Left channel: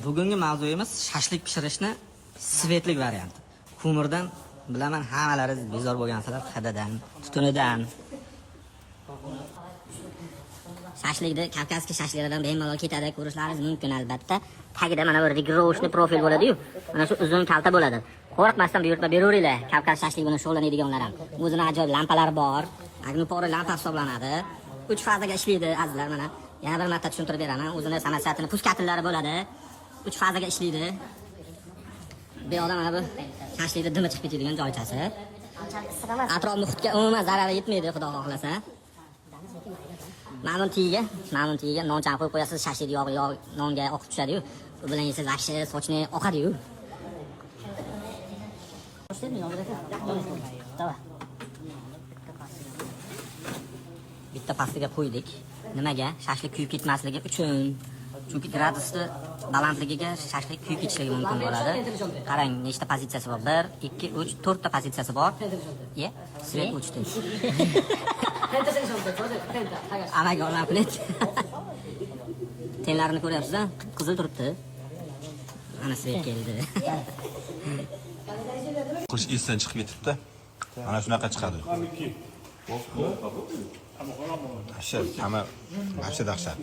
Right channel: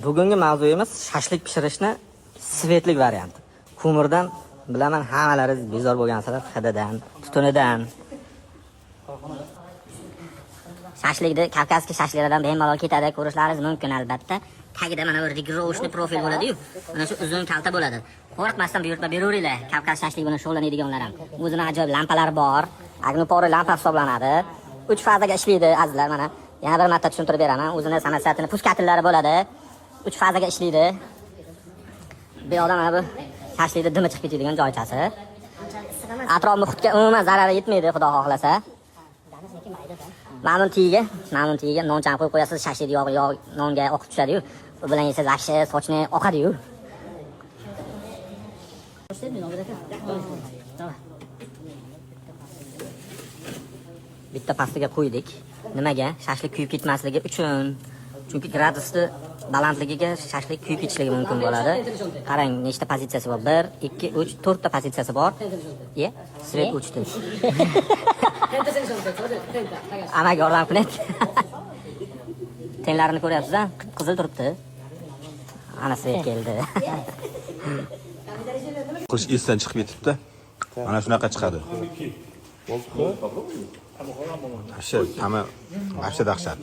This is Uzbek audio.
Bugungi mavzuyimiz shashlik pishirishni svetlik varianti. Ko'mirdan bilaman hammalari bezor bo'lgansizlar, hididan, tutunidan. Shashlikni Kavkazskiy shashliklardan bemalol ketadi, ko'rishlaringiz mumkin albatta. Tagida mana bir rigoroshni profil bo'ladi-yu, mana shu uzun kalta bo'ladi. Qo'rqmasdan buyurtma beraveringlar. Kavkaz shashlik bilan shug'ullanadiganlar ham. O'zining ajoyib lampalari bor. Agnipor lampa hisoblanadi. 3 fazaga ishlaydi azizlar mana. Yana bir marta tushuntirib beraman. O'zining samosiyatini puskatillari bo'ladi. 3 fazaga ishlaydi. Bu yoqda mana bu shashlikni dimi chiqib ketadigan joychasi. Atrof muhitga umuman zarari yetmaydi, xudo xohlasa. Ma'lum tiyiga nonchani qo'yib qo'yasiz, shashlik yog'i nonga oqib tushadi-yu. U bilan yesa yaxshi sochni oqadi-yu. Bitta pastiga qo'ydik. Nimaga? Shashlik kuyib ketmasligi uchun. Chunki gradusni balandligiga shashlik kuyib ketishligi mumkin bo'ladi. Qarang, nechta pozitsiyasi bor? 1, 2, 3, 4 ta pozitsiyasi bor. Svet uchdi. Amaga olam qilat. Tenlarini ko'ryapsiz-a? Qizil turibdi. Ana svet keldi. Qish esdan chiqib ketibdi. Mana shunaqa chiqadi. Dahshat, ta'mi dahshat.